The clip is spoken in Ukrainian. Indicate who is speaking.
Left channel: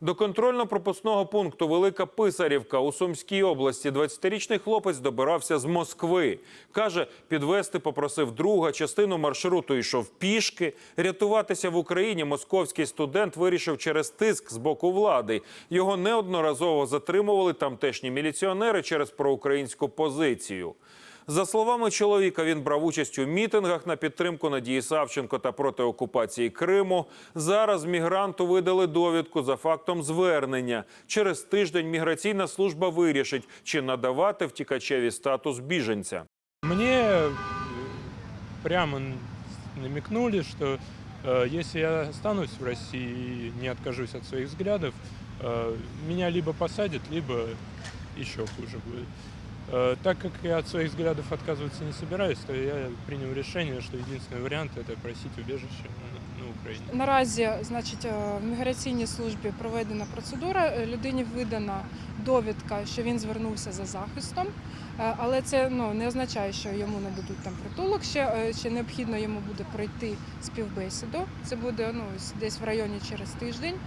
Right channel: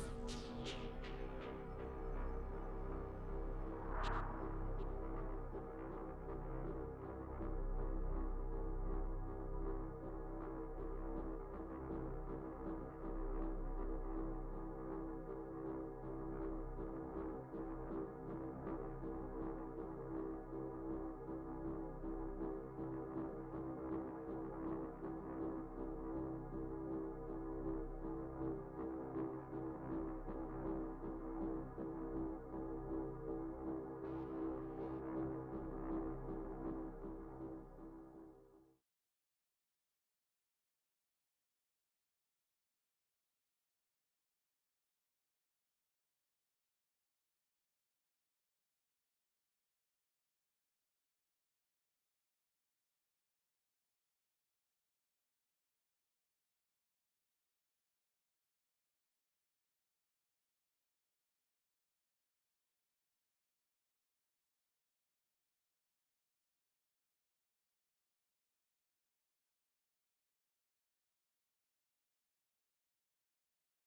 Speaker 1: До контрольно-пропускного пункту Велика Писарівка у Сумській області 20-річний хлопець добирався з Москви. Каже, підвести попросив друга, частину маршруту йшов пішки. Рятуватися в Україні московський студент вирішив через тиск з боку влади. Його неодноразово затримували тамтешні міліціонери через проукраїнську позицію. За словами чоловіка, він брав участь у мітингах на підтримку Надії Савченко та проти окупації Криму. Зараз мігранту видали довідку за фактом звернення. Через тиждень міграційна служба вирішить, чи надавати втікачеві статус біженця.
Speaker 2: Мне э, прямо н- намекнули, что э, если я останусь в России и не откажусь от своих взглядов, э, меня либо посадят, либо еще хуже будет. Э, так как я от своих взглядов отказываться не собираюсь, то я принял решение, что единственный вариант это просить убежище на, на Украине.
Speaker 3: Наразі, значить, е, в міграційній службі проведена процедура. е, Людині видана довідка, що він звернувся за захистом, Е, але це ну не означає, що йому нададуть там притулок. Ще е, ще необхідно йому буде пройти співбесіду. Це буде ну десь в районі через тиждень.